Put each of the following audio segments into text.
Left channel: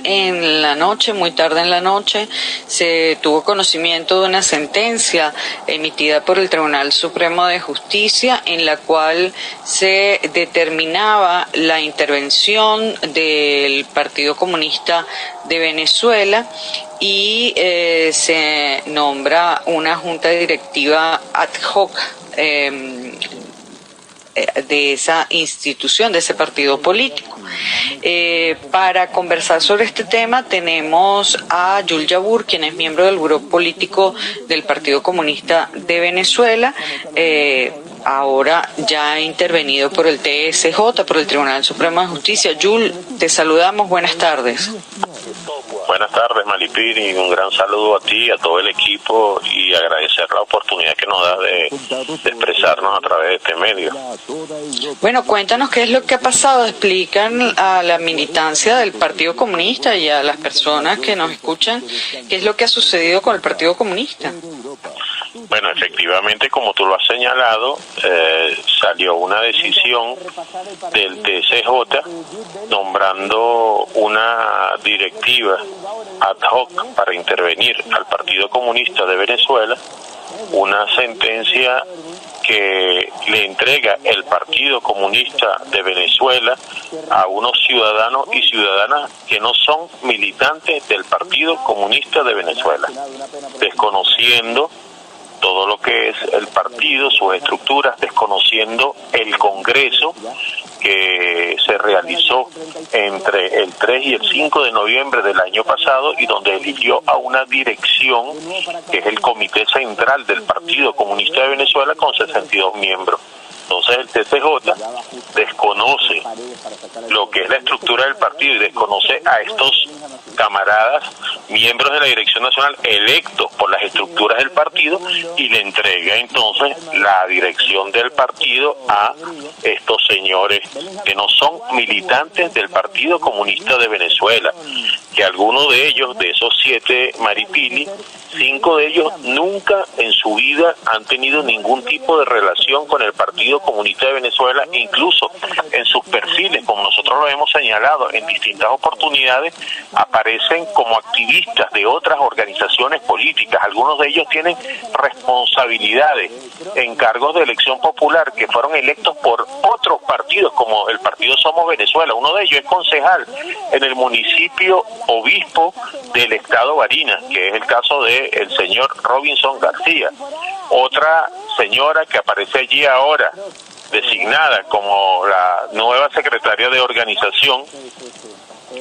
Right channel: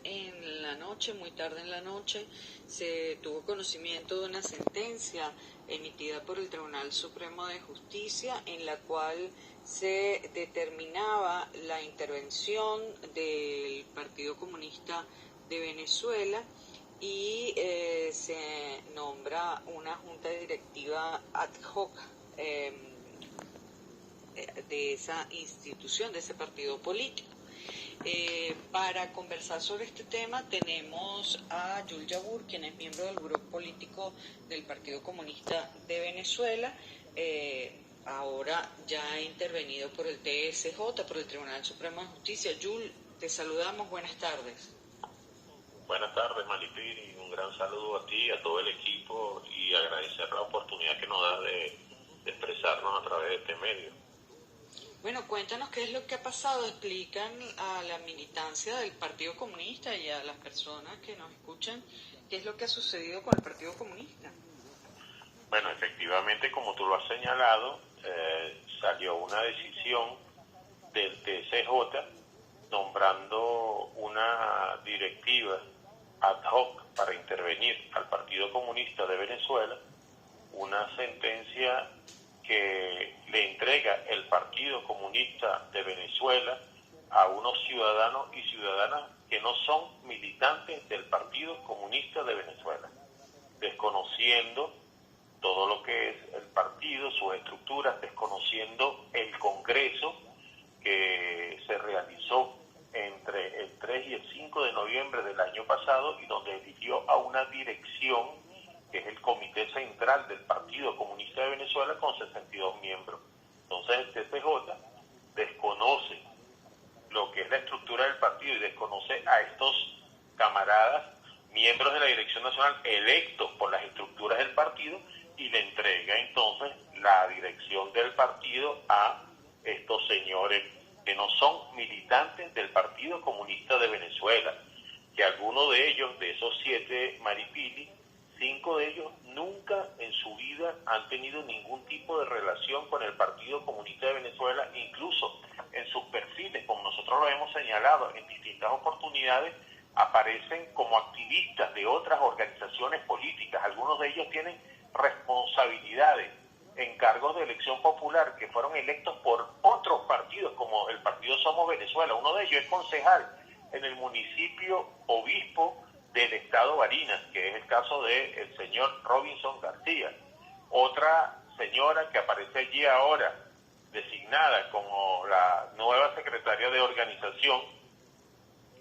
viernes en la noche, muy tarde en la noche, se tuvo conocimiento de una sentencia emitida por el Tribunal Supremo de Justicia en la cual se determinaba la intervención del Partido Comunista de Venezuela y se nombra una junta directiva ad hoc de esa institución, de ese partido político. Para conversar sobre este tema tenemos a Yul Yabur, quien es miembro del Buró Político del Partido Comunista de Venezuela, ahora ya intervenido por el TSJ, por el Tribunal Supremo de Justicia. Yul, te saludamos, buenas tardes. Buenas tardes, Maripili, un gran saludo a ti, a todo el equipo y agradecer la oportunidad que nos da de expresarnos a través de este medio. Bueno, cuéntanos qué es lo que ha pasado, explican a la militancia del Partido Comunista y a las personas que nos escuchan qué es lo que ha sucedido con el Partido Comunista. Bueno, efectivamente, como tú lo has señalado, salió una decisión del TSJ nombrando una directiva ad hoc para intervenir al Partido Comunista de Venezuela, una sentencia que le entrega el Partido Comunista de Venezuela a unos ciudadanos y ciudadanas que no son militantes del Partido Comunista de Venezuela, desconociendo todo lo que es el partido, sus estructuras, desconociendo el Congreso que se realizó entre el 3 y el 5 de noviembre del año pasado y donde eligió a una dirección que es el Comité Central del Partido Comunista de Venezuela con 62 miembros. Entonces el TSJ desconoce lo que es la estructura del partido y desconoce a estos camaradas, miembros de la Dirección Nacional electos por las estructuras del partido, y le entrega entonces la dirección del partido a estos señores que no son militantes del Partido Comunista de Venezuela, que algunos de ellos, de esos 7 Maripili, 5 de ellos nunca en su vida han tenido ningún tipo de relación con el Partido Comunista de Venezuela, incluso en sus perfiles, como nosotros lo hemos señalado en distintas oportunidades, aparecen como activistas de otras organizaciones políticas. Algunos de ellos tienen responsabilidades en cargos de elección popular que fueron electos por otros partidos, como el partido Somos Venezuela. Uno de ellos es concejal en el municipio obispo del estado Barinas, que es el caso de el señor Robinson García. Otra señora que aparece allí ahora, designada como la nueva secretaria de organización,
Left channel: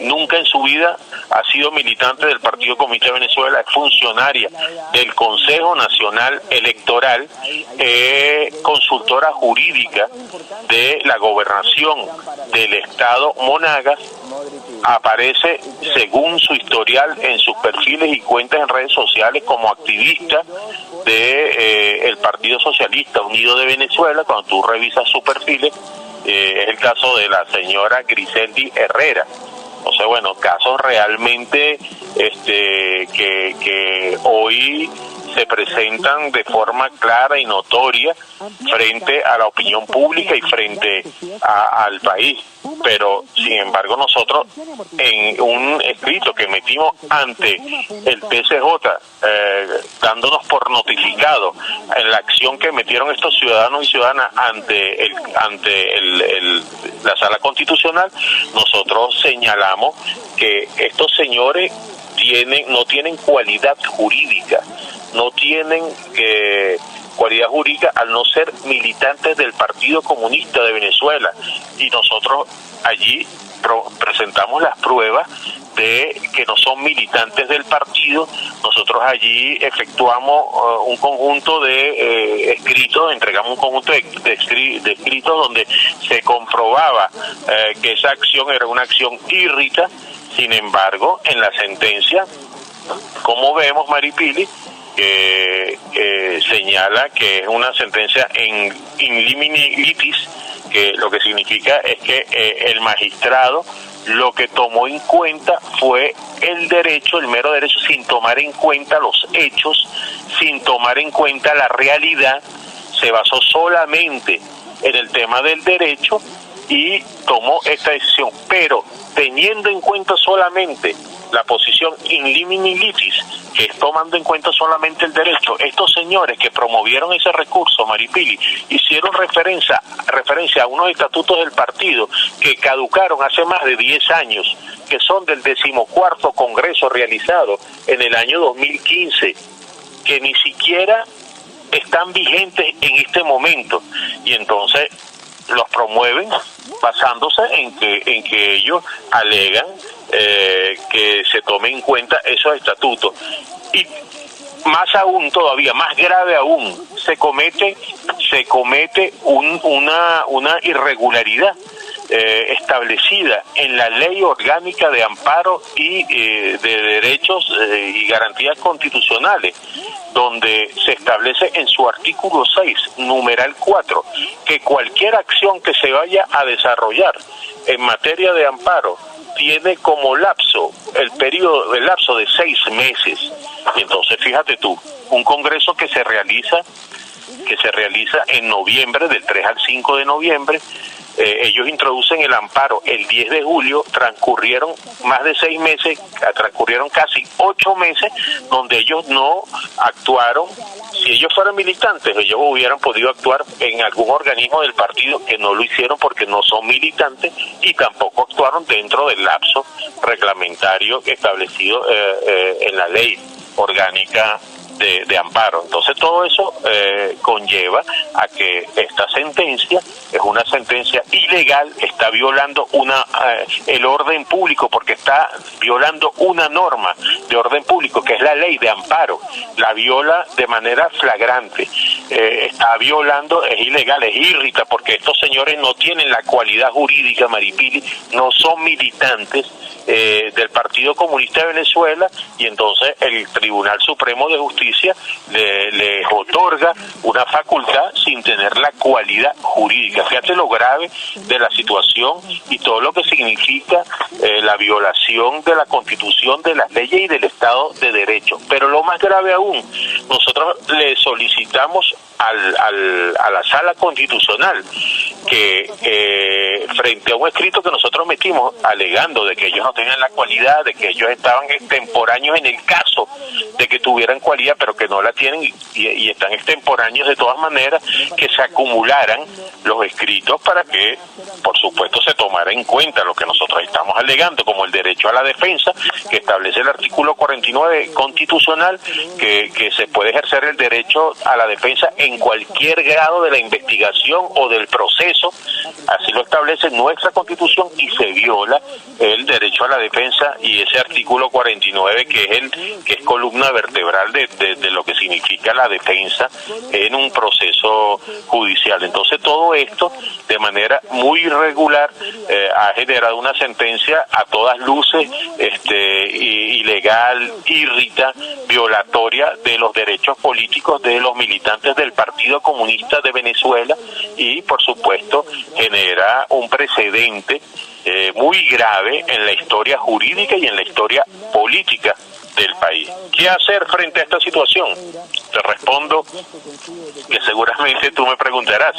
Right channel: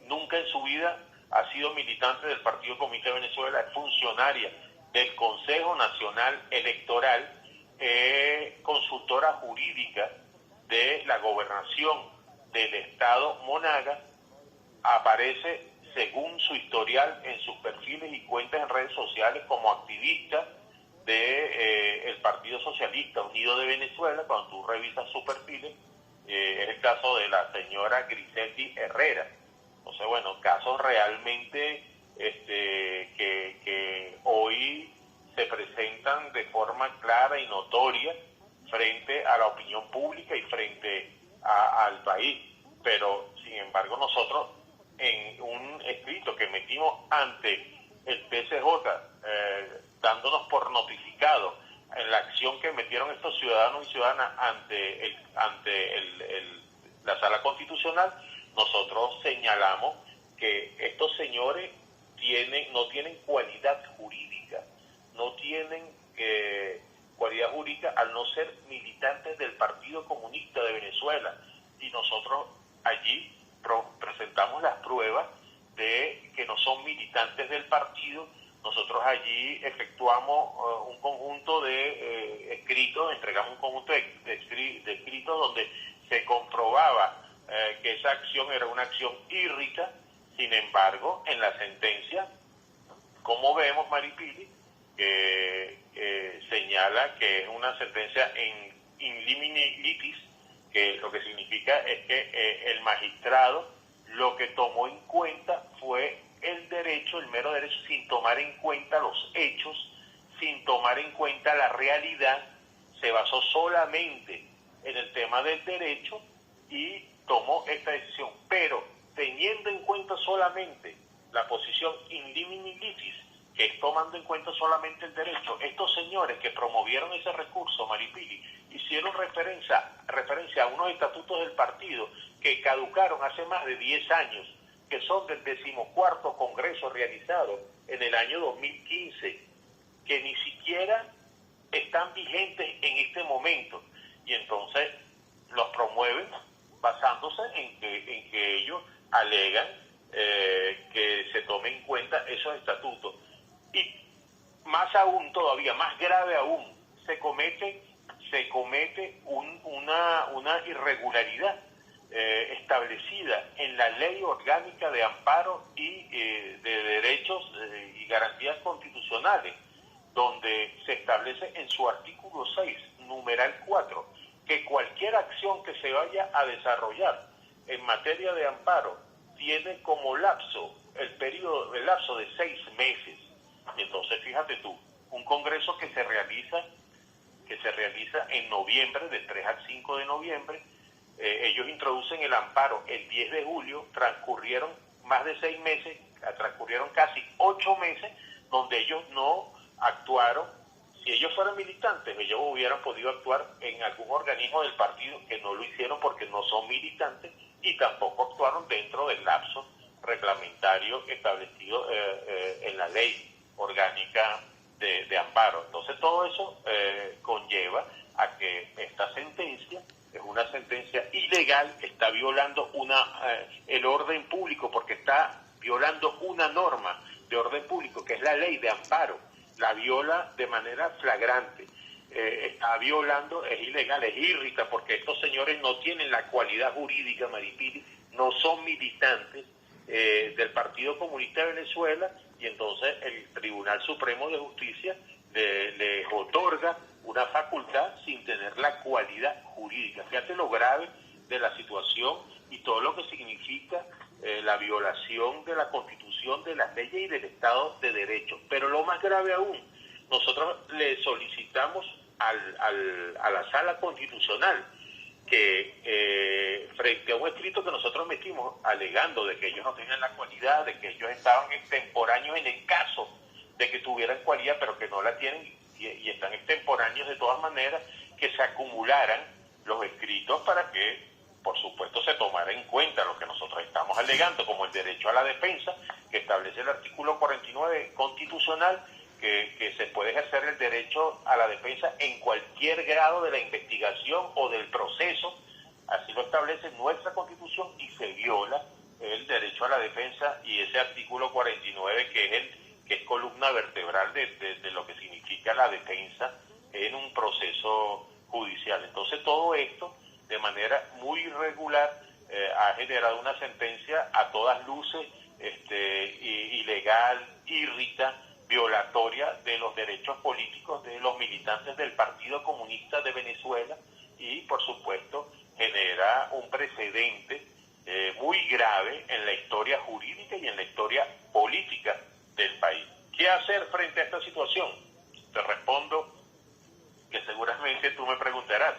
nunca en su vida ha sido militante del Partido Comunista de Venezuela, es funcionaria del Consejo Nacional Electoral, consultora jurídica de la gobernación del estado Monagas, aparece según su historial en sus perfiles y cuentas en redes sociales como activista de el Partido Socialista Unido de Venezuela. Cuando tú revisas sus perfiles, es el caso de la señora Griseldi Herrera. O sea, bueno, casos realmente que hoy se presentan de forma clara y notoria frente a la opinión pública y frente al país. Pero, sin embargo, nosotros en un escrito que metimos ante el TSJ, dándonos por notificado en la acción que metieron estos ciudadanos y ciudadanas ante la Sala Constitucional, nosotros señalamos que estos señores no tienen cualidad jurídica, no tienen cualidad jurídica al no ser militantes del Partido Comunista de Venezuela, y nosotros allí presentamos las pruebas de que no son militantes del partido. Nosotros allí efectuamos un conjunto de escritos, entregamos un conjunto de escritos donde se comprobaba que esa acción era una acción írrita. Sin embargo, en la sentencia, como vemos, Maripili, señala que es una sentencia in limine litis, que lo que significa es que el magistrado lo que tomó en cuenta fue el mero derecho, sin tomar en cuenta los hechos, sin tomar en cuenta la realidad, se basó solamente en el tema del derecho, y no en el tema jurídico. Entonces, y tomó esta decisión, pero teniendo en cuenta solamente la posición in limine litis, que es tomando en cuenta solamente el derecho. Estos señores que promovieron ese recurso, Maripili, hicieron referencia a unos estatutos del partido que caducaron hace más de 10 años, que son del 14º Congreso realizado en el año 2015, que ni siquiera están vigentes en este momento, y entonces los promueven basándose en que ellos alegan que se tomen en cuenta esos estatutos. Y más aún, todavía más grave aún, se comete una irregularidad establecida en la Ley Orgánica de Amparo y de Derechos y Garantías Constitucionales, donde se establece en su artículo 6, numeral 4, que cualquier acción que se vaya a desarrollar en materia de amparo tiene como lapso el lapso de 6 meses. Y entonces fíjate tú, un congreso que se realiza en noviembre, del 3 al 5 de noviembre, ellos introducen el amparo el 10 de julio, transcurrieron más de 6 meses, transcurrieron casi 8 meses, donde ellos no actuaron. Si ellos fueran militantes, ellos hubieran podido actuar en algún organismo del partido, que no lo hicieron porque no son militantes, y tampoco actuaron dentro del lapso reglamentario establecido en la ley orgánica de amparo. Entonces todo eso conlleva a que esta sentencia es una sentencia ilegal, está violando el orden público, porque está violando una norma de orden público que es la ley de amparo, la viola de manera flagrante, está violando, es ilegal, es irrita, porque estos señores no tienen la cualidad jurídica, Maripili, no son militantes del Partido Comunista de Venezuela, y entonces el Tribunal Supremo de Justicia les otorga una facultad sin tener la cualidad jurídica. Fíjate lo grave de la situación y todo lo que significa la violación de la Constitución, de las leyes y del Estado de Derecho. Pero lo más grave aún, nosotros le solicitamos a la Sala Constitucional que frente a un escrito que nosotros metimos alegando de que ellos no tenían la cualidad, de que ellos estaban extemporáneos en el caso de que tuvieran cualidad, pero que no la tienen y están extemporáneos de todas maneras, que se acumularan los escritos para que, por supuesto, se tomara en cuenta lo que nosotros estamos alegando, como el derecho a la defensa, que establece el artículo 49 constitucional, que se puede ejercer el derecho a la defensa en cualquier grado de la investigación o del proceso. Así lo establece nuestra Constitución, y se viola el derecho a la defensa y ese artículo 49 que es columna vertebral de lo que significa la defensa en un proceso judicial. Entonces todo esto de manera muy irregular ha generado una sentencia a todas luces ilegal, irrita, violatoria de los derechos políticos de los militantes del Partido Comunista de Venezuela, y por supuesto genera un precedente muy grave en la historia jurídica y en la historia política del país. ¿Qué hacer frente a esta situación? Te respondo que seguramente tú me preguntarás.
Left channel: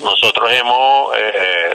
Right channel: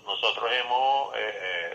Nosotros hemos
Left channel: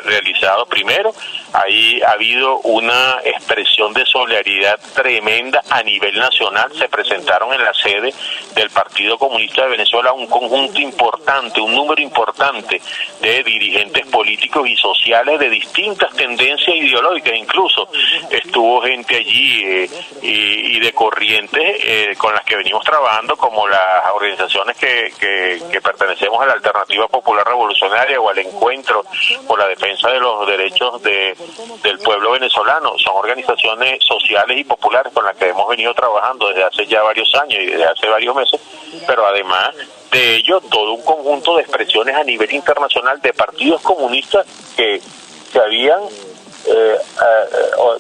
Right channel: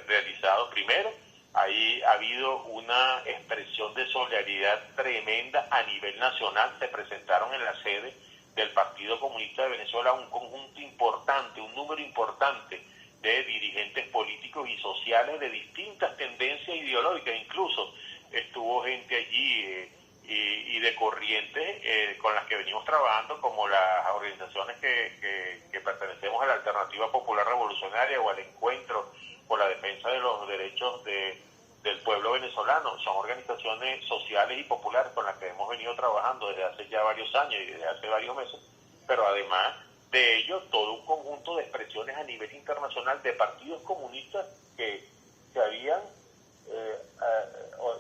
realizado, primero, ahí ha habido una expresión de solidaridad tremenda a nivel nacional. Se presentaron en la sede del Partido Comunista de Venezuela un conjunto importante, un número importante de dirigentes políticos y sociales de distintas tendencias ideológicas. Incluso estuvo gente allí y de corrientes con las que venimos trabajando, como las organizaciones que pertenecemos a la Alternativa Popular Revolucionaria o al Encuentro por la Defensa de los Derechos del Pueblo Venezolano. Son organizaciones sociales y populares con las que hemos venido trabajando desde hace ya varios años y desde hace varios meses, pero además de ello, todo un conjunto de expresiones a nivel internacional de partidos comunistas que habían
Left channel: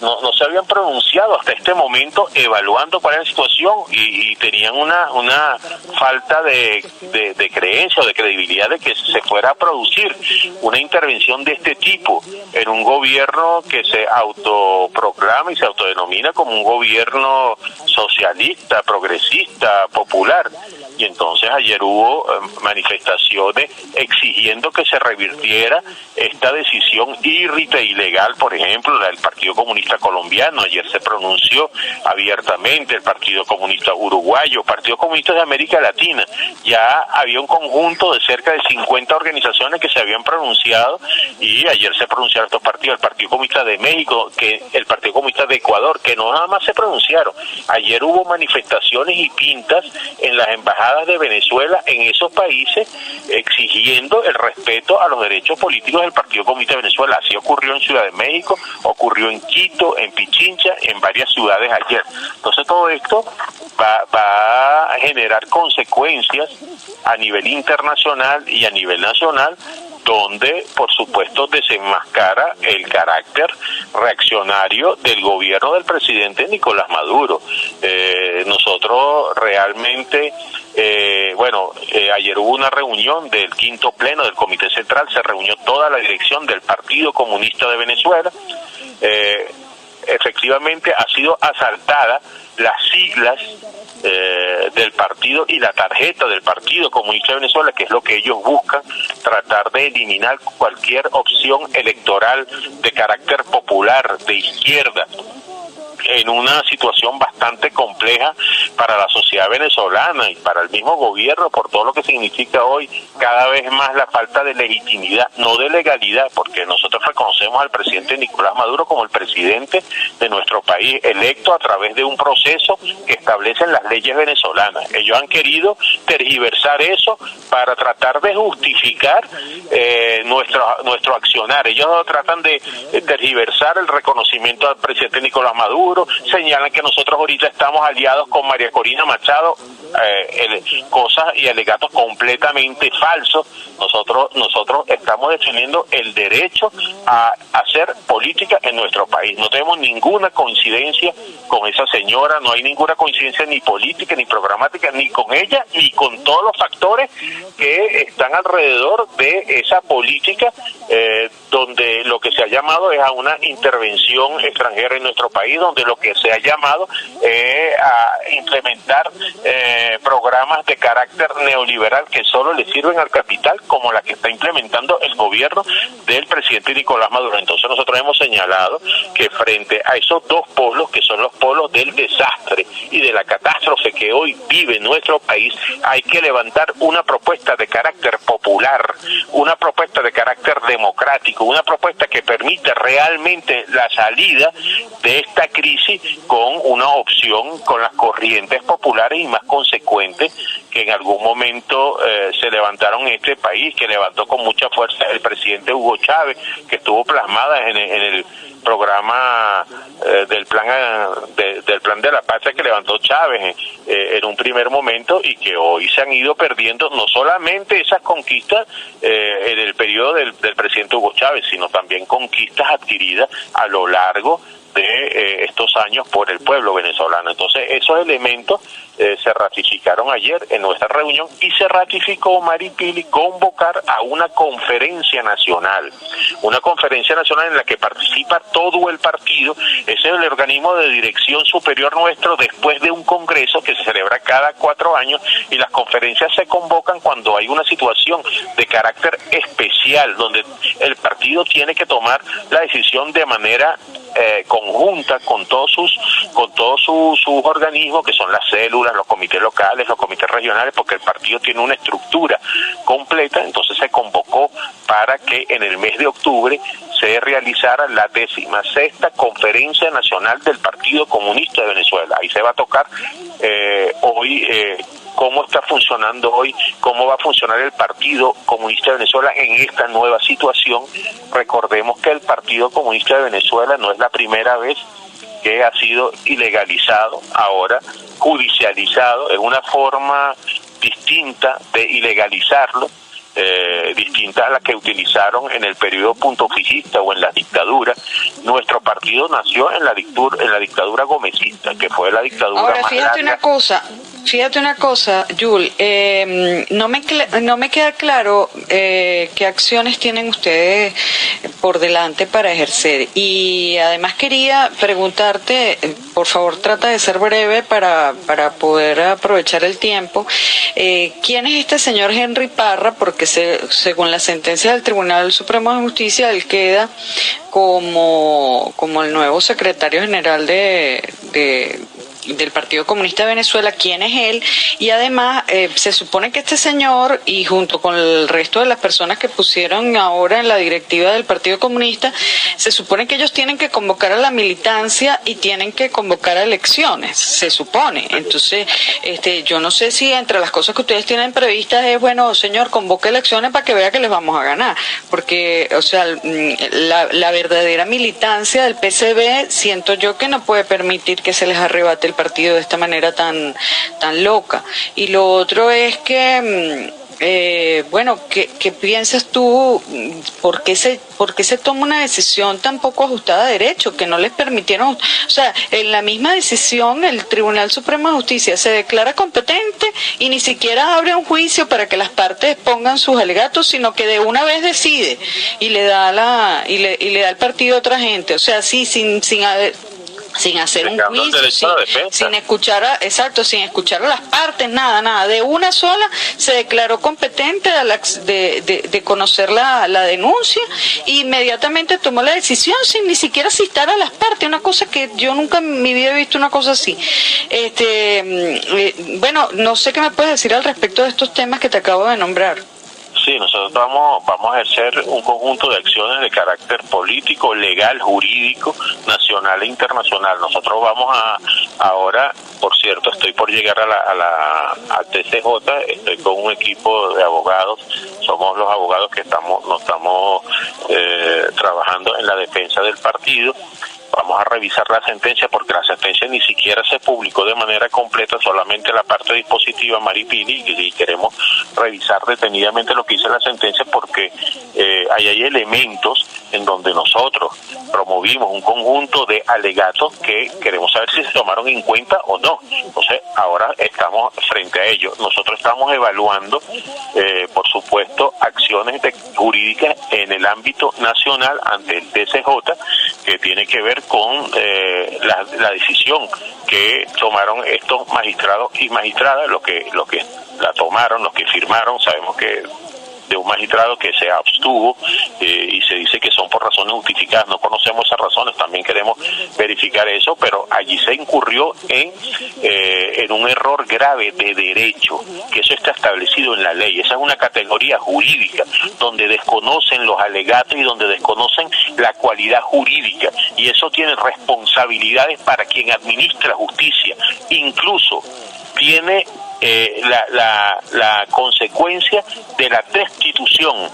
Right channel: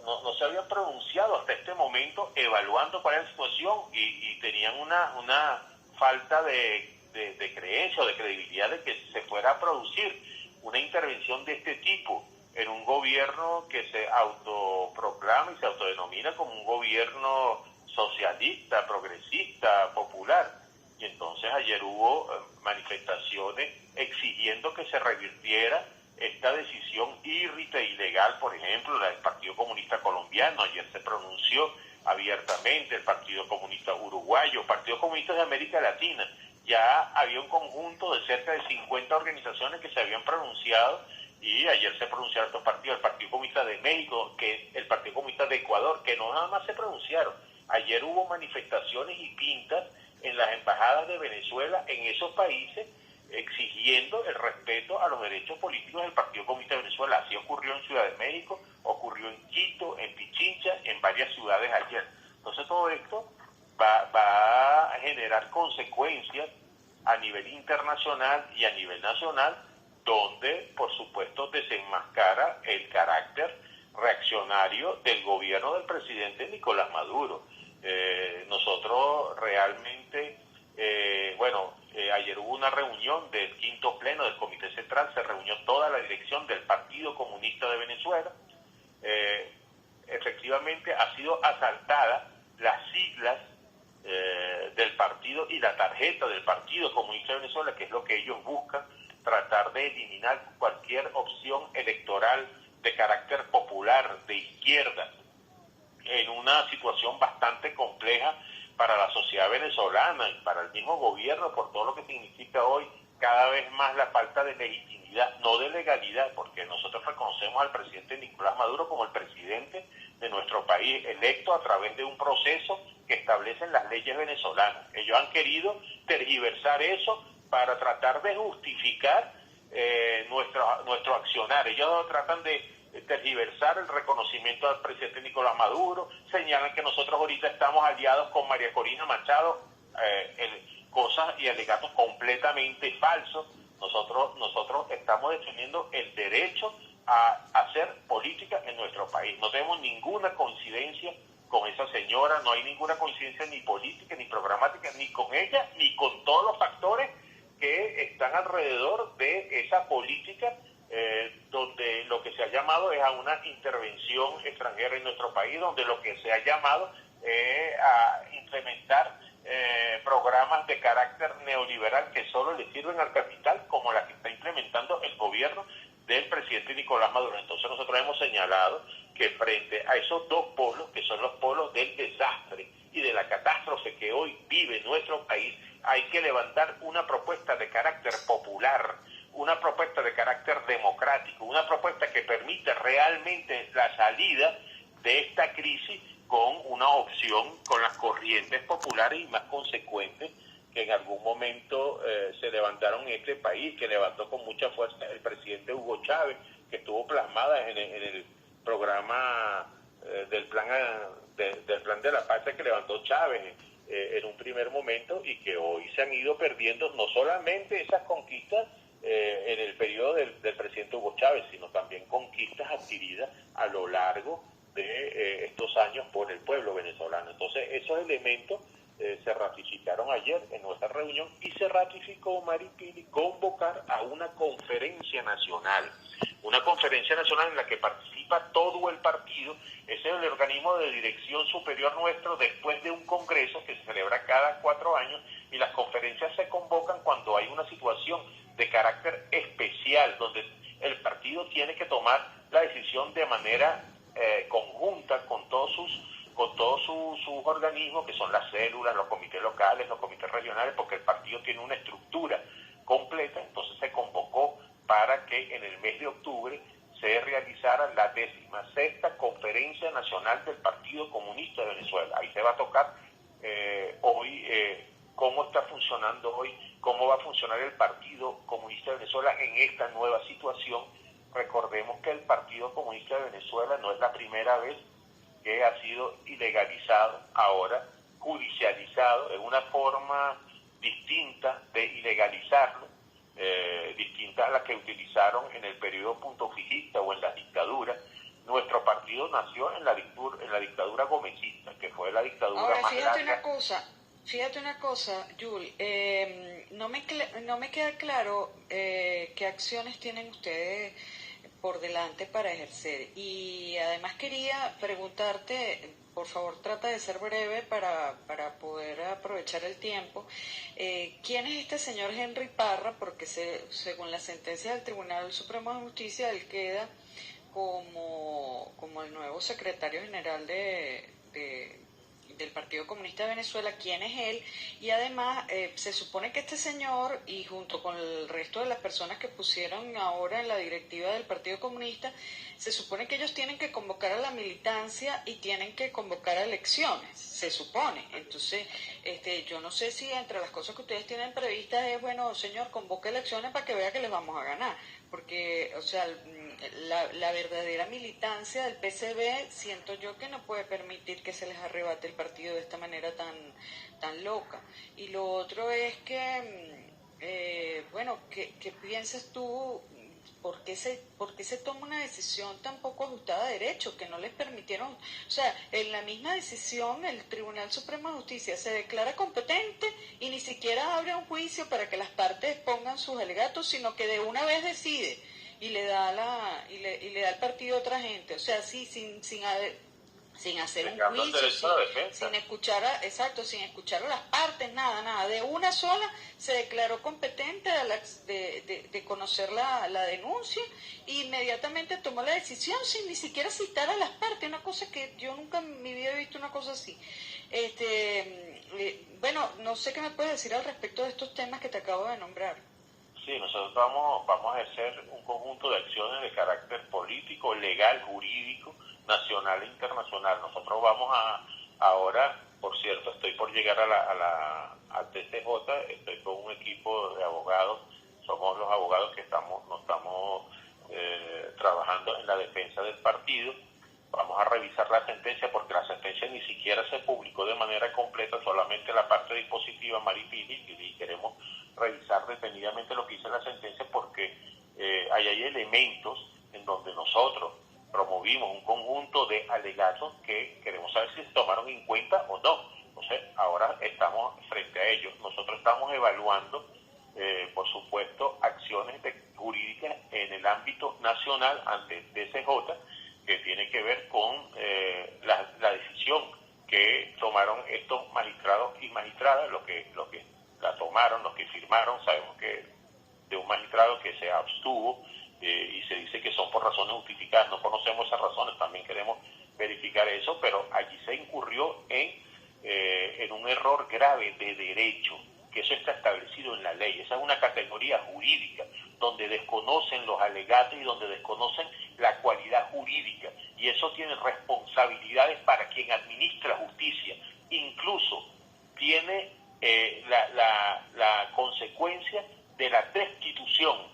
no se habían pronunciado hasta este momento evaluando cuál era la situación y tenían una falta de creencia o de credibilidad de que se fuera a producir una intervención de este tipo en un gobierno que se autoproclama y se autodenomina como un gobierno socialista, progresista, popular. y entonces ayer hubo manifestaciones exigiendo que se revirtiera esta decisión írrita e ilegal. Por ejemplo, la del Partido Comunista Colombiano, ayer se pronunció abiertamente, el Partido Comunista Uruguayo, Partido Comunista de América Latina. Ya había un conjunto de cerca de 50 organizaciones que se habían pronunciado, y ayer se pronunciaron estos partidos, el Partido Comunista de México, que el Partido Comunista de Ecuador, que no nada más se pronunciaron. Ayer hubo manifestaciones y pintas en las embajadas de Venezuela en esos países exigiendo el respeto a los derechos políticos del Partido Comunista de Venezuela. Así ocurrió en Ciudad de México, ocurrió en Quito, en Pichincha, en varias ciudades ayer. Entonces todo esto va a generar consecuencias a nivel internacional y a nivel nacional, donde por supuesto desenmascara el carácter reaccionario del gobierno del presidente Nicolás Maduro. Nosotros realmente, ayer hubo una reunión del quinto pleno del Comité Central, se reunió toda la dirección del Partido Comunista de Venezuela. Efectivamente ha sido asaltada las siglas del partido y la tarjeta del Partido Comunista de Venezuela, que es lo que ellos buscan, tratar de eliminar cualquier opción electoral de carácter popular, de izquierda, en una situación bastante compleja para la sociedad venezolana y para el mismo gobierno, por todo lo que significa hoy cada vez más la falta de legitimidad, no de legalidad, porque nosotros reconocemos al presidente Nicolás Maduro como el presidente de nuestro país, electo a través de un proceso que establecen las leyes venezolanas. Ellos han querido tergiversar eso para tratar de justificar nuestro accionar. Ellos tratan de tergiversar el reconocimiento al presidente Nicolás Maduro, señalan que nosotros ahorita estamos aliados con María Corina Machado, cosas y alegatos completamente falsos. Nosotros estamos defendiendo el derecho a hacer política en nuestro país. No tenemos ninguna coincidencia con esa señora, no hay ninguna coincidencia ni política, ni programática, ni con ella, ni con todos los factores que están alrededor de esa política, donde lo que se ha llamado es a una intervención extranjera en nuestro país, donde lo que se ha llamado a implementar programas de carácter neoliberal que solo le sirven al capital, como la que está implementando el gobierno del presidente Nicolás Maduro. Entonces nosotros hemos señalado que frente a esos dos polos, que son los polos del desastre y de la catástrofe que hoy vive nuestro país, hay que levantar una propuesta de carácter popular, una propuesta de carácter democrático, una propuesta que permita realmente la salida de esta crisis con una opción con las corrientes populares y más consecuentes que en algún momento se levantaron en este país, que levantó con mucha fuerza el presidente Hugo Chávez, que estuvo plasmada en el programa del plan de la patria que levantó Chávez en un primer momento, y que hoy se han ido perdiendo no solamente esas conquistas en el periodo del presidente Hugo Chávez, sino también conquistas adquiridas a lo largo de estos años por el pueblo venezolano. Entonces esos elementos se ratificaron ayer en nuestra reunión, y se ratificó, Maripili, convocar a una conferencia nacional en la que participa todo el partido. Ese es el organismo de dirección superior nuestro, después de un congreso que se celebra cada 4 años, y las conferencias se convocan cuando hay una situación de carácter especial, donde el partido tiene que tomar la decisión de manera conjunta con todos sus organismos, que son las células, los comités locales, los comités regionales, porque el partido tiene una estructura completa. Entonces se convocó para que en el mes de octubre se realizara la 16ª Conferencia Nacional del Partido Comunista de Venezuela. Ahí se va a tocar hoy cómo está funcionando hoy, cómo va a funcionar el Partido Comunista de Venezuela en esta nueva situación. Recordemos que el Partido Comunista de Venezuela no es la primera vez que ha sido ilegalizado, ahora judicializado. Es una forma distinta de ilegalizarlo, distinta a la que utilizaron en el periodo puntofijista o en la dictadura. Nuestro partido nació en la dictadura gomecista, que fue la dictadura Ahora, más fíjate larga. una cosa, Fíjate una cosa, Yul, no me queda claro qué acciones tienen ustedes por delante para ejercer. Y además quería preguntarte, por favor trata de ser breve para poder aprovechar el tiempo, ¿quién es este señor Henry Parra? Porque según la sentencia del Tribunal Supremo de Justicia, él queda como el nuevo secretario general del Partido Comunista de Venezuela. ¿Quién es él? Y además se supone que este señor, y junto con el resto de las personas que pusieron ahora en la directiva del Partido Comunista, se supone que ellos tienen que convocar a la militancia y tienen que convocar a elecciones, se supone. Entonces, yo no sé si entre las cosas que ustedes tienen previstas es, bueno, señor, convoque elecciones para que vea que les vamos a ganar, porque, o sea, la verdadera militancia del PCB, siento yo que no puede permitir que se les arrebate el partido de esta manera tan loca. Y lo otro es que bueno, ¿qué piensas tú? ¿Por qué se toma una decisión tan poco ajustada a derecho, que no les permitieron? O sea, en la misma decisión el Tribunal Supremo de Justicia se declara competente y ni siquiera abre un juicio para que las partes pongan sus alegatos, sino que de una vez decide y le da el partido a otra gente. O sea, sí, sin hacer un juicio, sin escuchar a las partes, nada, de una sola se declaró competente de conocer la denuncia e inmediatamente tomó la decisión sin ni siquiera citar a las partes, una cosa que yo nunca en mi vida he visto una cosa así. Bueno, no sé qué me puedes decir al respecto de estos temas que te acabo de nombrar. Sí, nosotros vamos a ejercer un conjunto de acciones de carácter político, legal, jurídico, nacional e internacional. Nosotros vamos ahora, por cierto, estoy por llegar al TCJ, estoy con un equipo de abogados, somos los abogados que estamos trabajando en la defensa del partido. Vamos a revisar la sentencia porque la sentencia ni siquiera se publicó de manera completa, solamente la parte dispositiva Maripili, y queremos revisar detenidamente lo que dice la sentencia porque hay elementos en donde nosotros promovimos un conjunto de alegatos que queremos saber si se tomaron en cuenta o no. Entonces, ahora estamos frente a ello. Nosotros estamos evaluando, por supuesto, acciones jurídicas en el ámbito nacional ante el TCJ, que tiene que ver con la decisión que tomaron estos magistrados y magistradas, los que la tomaron, los que firmaron. Sabemos que de un magistrado que se abstuvo y se dice que son por razones justificadas. No conocemos esas razones, también queremos verificar eso, pero allí se incurrió en un error grave de derecho, que eso está establecido en la ley. Esa es una categoría jurídica donde desconocen los alegatos y donde desconocen la cualidad jurídica, y eso tiene responsabilidades para quien administra justicia. Incluso tiene la consecuencia de la destitución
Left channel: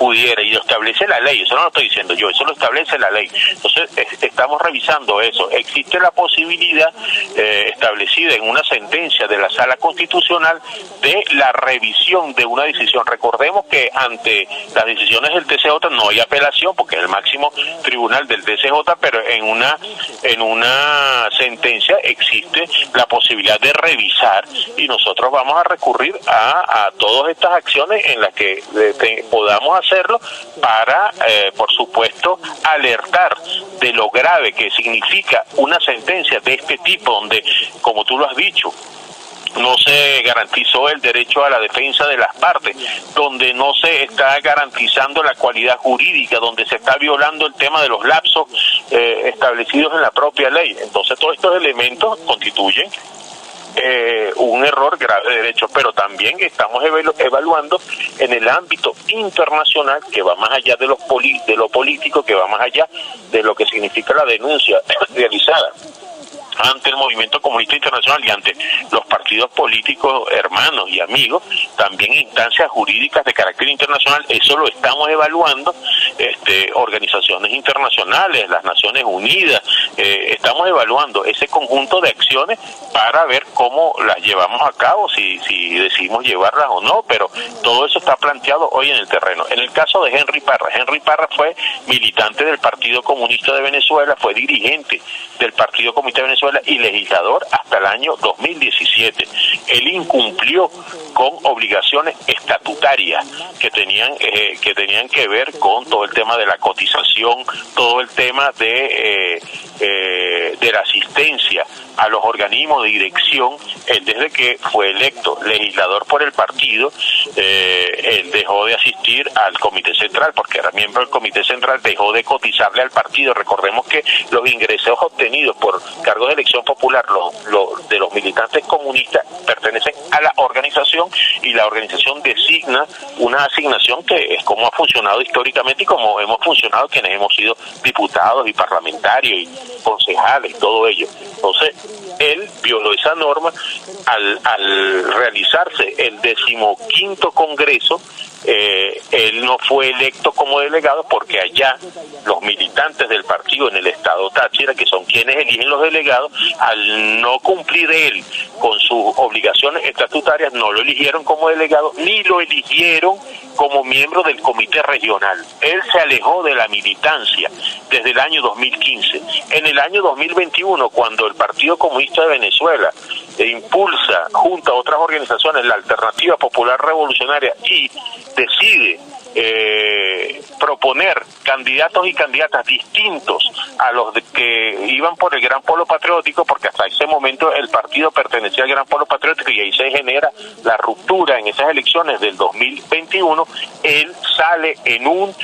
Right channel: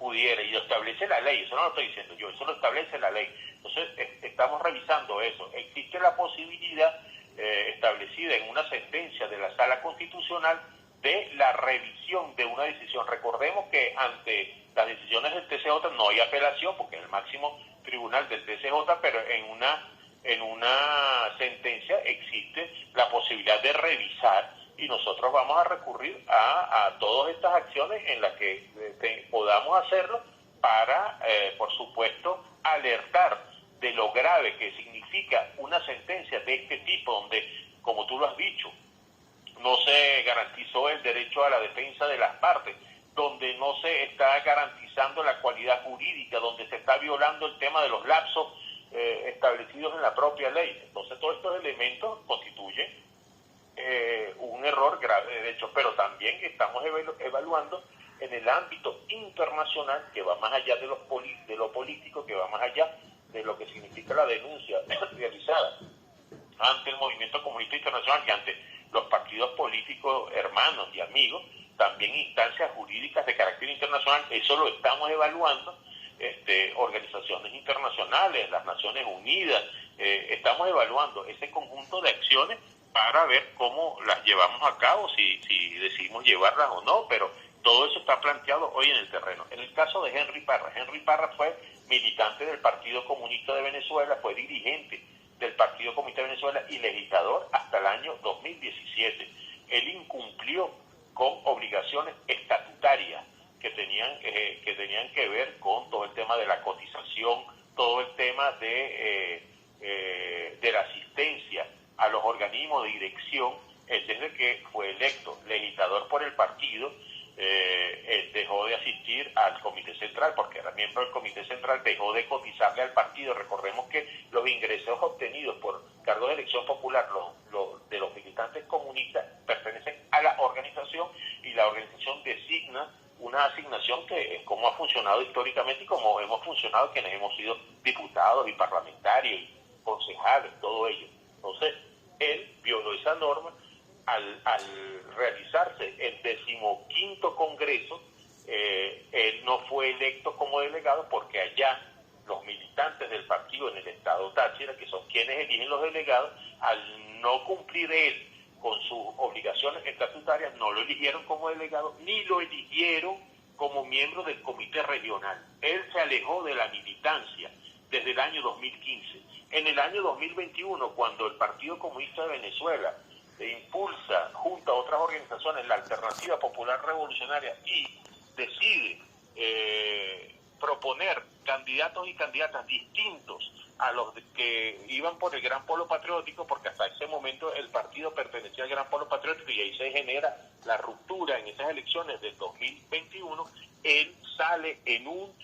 pudiera, y lo establece la ley, eso no lo estoy diciendo yo, eso lo establece la ley. Entonces estamos revisando eso. Existe la posibilidad establecida en una sentencia de la Sala Constitucional de la revisión de una decisión. Recordemos que ante las decisiones del TCJ no hay apelación porque es el máximo tribunal del TCJ, pero en una sentencia existe la posibilidad de revisar, y nosotros vamos a recurrir a todas estas acciones en las que podamos hacerlo para, por supuesto, alertar de lo grave que significa una sentencia de este tipo, donde, como tú lo has dicho, no se garantizó el derecho a la defensa de las partes, donde no se está garantizando la cualidad jurídica, donde se está violando el tema de los lapsos establecidos en la propia ley. Entonces, todos estos elementos constituyen un error grave de derecho, pero también estamos evaluando en el ámbito internacional, que va más allá de lo político, que va más allá de lo que significa la denuncia realizada ante el movimiento comunista internacional y ante los partidos políticos hermanos y amigos, también instancias jurídicas de carácter internacional. Eso lo estamos evaluando, organizaciones internacionales, las Naciones Unidas, estamos evaluando ese conjunto de acciones para ver cómo las llevamos a cabo, si decidimos llevarlas o no, pero todo eso está planteado hoy en el terreno. En el caso de Henry Parra fue militante del Partido Comunista de Venezuela, fue dirigente del Partido Comunista de Venezuela y legislador hasta el año 2017. él incumplió con obligaciones estatutarias que tenían que ver con todo el tema de la cotización, todo el tema de la asistencia a los organismos de dirección. Él, desde que fue electo legislador por el partido, él dejó de asistir al Comité Central, porque era miembro del Comité Central, dejó de cotizarle al partido. Recordemos que los ingresos obtenidos por cargos de elección popular de los militantes comunistas pertenecen a la organización, y la organización designa una asignación que es como ha funcionado históricamente y como hemos funcionado quienes hemos sido diputados y parlamentarios y concejales, todo ello. Entonces, él violó esa norma al realizarse el 15º Congreso. Él no fue electo como delegado, porque allá los militantes del partido en el estado Táchira, que son quienes eligen los delegados, al no cumplir él con sus obligaciones estatutarias, no lo eligieron como delegado ni lo eligieron como miembro del comité regional. Él se alejó de la militancia desde el año 2015. En el año 2021, cuando el Partido Comunista de Venezuela impulsa junto a otras organizaciones la Alternativa Popular Revolucionaria y decide proponer candidatos y candidatas distintos a los que iban por el Gran Polo Patriótico, porque hasta ese momento el partido pertenecía al Gran Polo Patriótico, y ahí se genera la ruptura en esas elecciones del 2021, él sale en un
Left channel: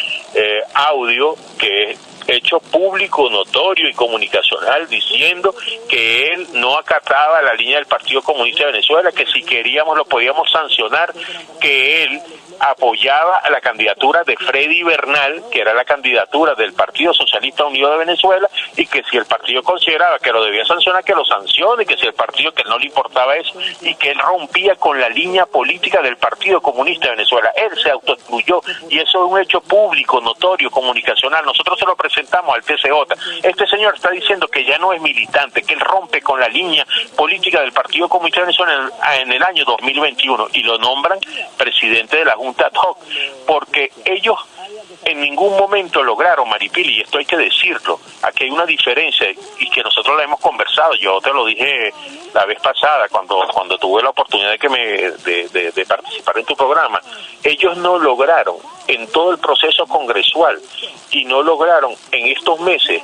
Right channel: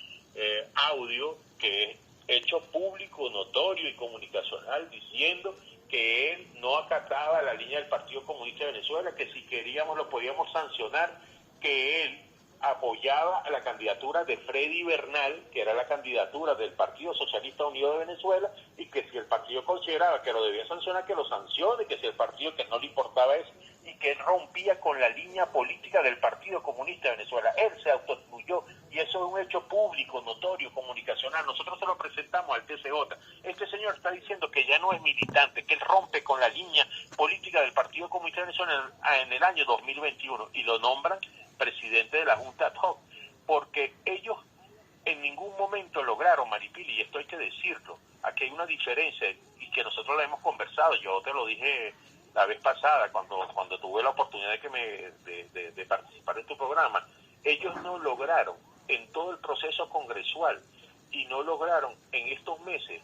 audio que es hecho público, notorio y comunicacional, diciendo que él no acataba la línea del Partido Comunista de Venezuela, que si queríamos lo podíamos sancionar, que él apoyaba a la candidatura de Freddy Bernal, que era la candidatura del Partido Socialista Unido de Venezuela, y que si el partido consideraba que lo debía sancionar, que lo sancione, que si el partido, que no le importaba eso, y que él rompía con la línea política del Partido Comunista de Venezuela. Él se autoexcluyó, y eso es un hecho público, notorio, comunicacional. Nosotros se lo presentamos al TCJ. Este señor está diciendo que ya no es militante, que él rompe con la línea política del Partido Comunista de Venezuela en el año 2021, y lo nombran presidente de la Junta ad hoc, porque ellos en ningún momento lograron, Maripili, y esto hay que decirlo, aquí hay una diferencia, y que nosotros la hemos conversado. Yo te lo dije la vez pasada cuando tuve la oportunidad de participar en tu programa. Ellos no lograron en todo el proceso congresual, y no lograron en estos meses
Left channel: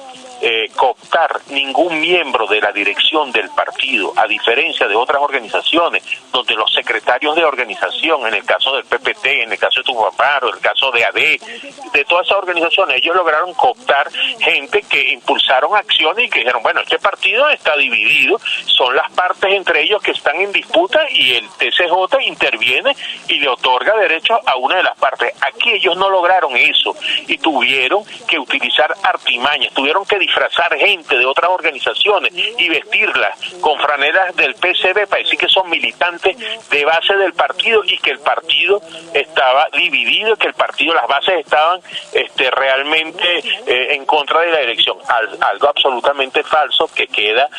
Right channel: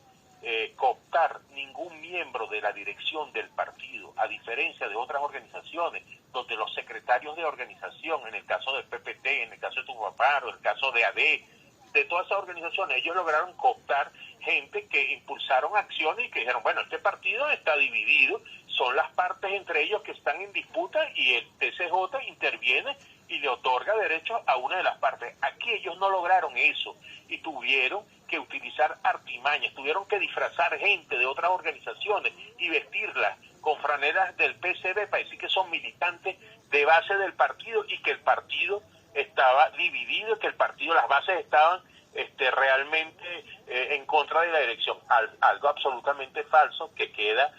cooptar ningún miembro de la dirección del partido, a diferencia de otras organizaciones donde los secretarios de organización, en el caso del PPT, en el caso de Tupac, en el caso de AD, de todas esas organizaciones, ellos lograron cooptar gente que impulsaron acciones y que dijeron, bueno, este partido está dividido, son las partes entre ellos que están en disputa, y el TCJ interviene y le otorga derechos a una de las partes. Aquí ellos no lograron eso, y tuvieron que utilizar artimañas, tuvieron que disfrazar gente de otras organizaciones y vestirlas con franelas del PCB para decir que son militantes de base del partido, y que el partido estaba dividido, que el partido, las bases estaban realmente en contra de la elección. Algo absolutamente falso que queda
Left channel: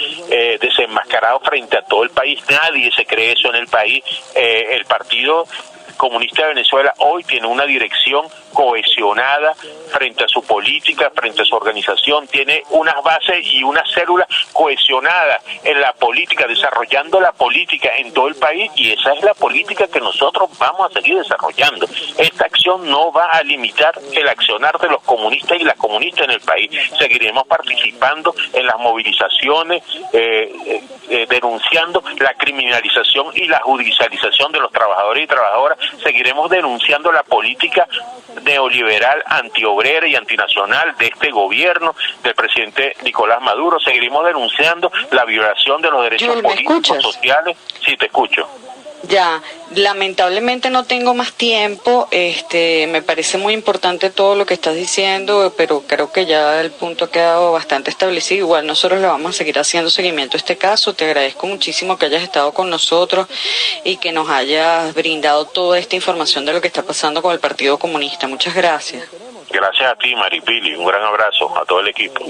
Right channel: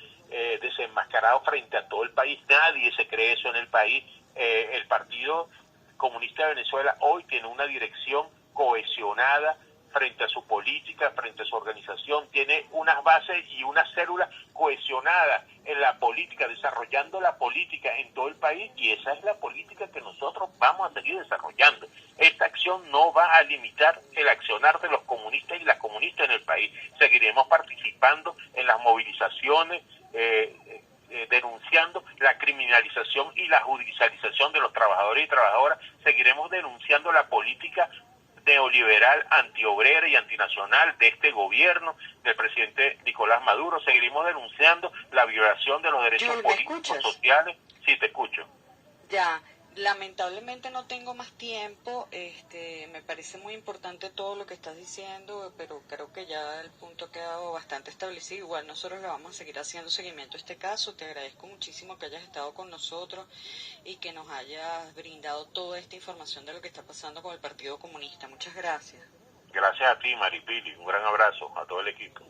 desenmascarado frente a todo el país. Nadie se cree eso en el país. El Partido Comunista de Venezuela hoy tiene una dirección cohesionada frente a su política, frente a su organización, tiene unas bases y unas células cohesionadas en la política, desarrollando la política en todo el país, y esa es la política que nosotros vamos a seguir desarrollando. Esta acción no va a limitar el accionar de los comunistas y las comunistas en el país. Seguiremos participando en las movilizaciones, denunciando la criminalización y la judicialización de los trabajadores y trabajadoras. Seguiremos denunciando la política neoliberal, antiobrera y antinacional de este gobierno del presidente Nicolás Maduro. Seguiremos denunciando la violación de los derechos políticos, sociales. Sí, te escucho. Ya, lamentablemente no tengo más tiempo. Me parece muy importante todo lo que estás diciendo, pero creo que ya el punto ha quedado bastante establecido. Igual nosotros le vamos a seguir haciendo seguimiento a este caso. Te agradezco muchísimo que hayas estado con nosotros y que nos hayas brindado toda esta información de lo que está pasando con el Partido Comunista. Muchas gracias. Gracias a ti, Maripili. Un gran abrazo a todo el equipo.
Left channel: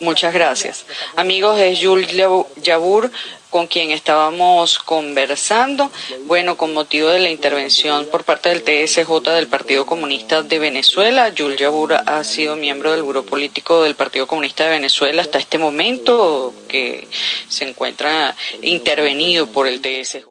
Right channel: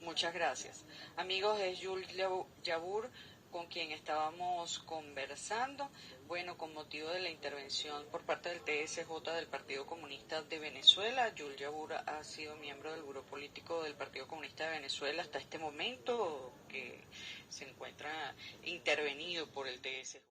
Muchas gracias. Amigos, es Jules Yabur con quien estábamos conversando, bueno, con motivo de la intervención por parte del TSJ del Partido Comunista de Venezuela. Jules Yabur ha sido miembro del Grupo Político del Partido Comunista de Venezuela hasta este momento, que se encuentra intervenido por el TSJ.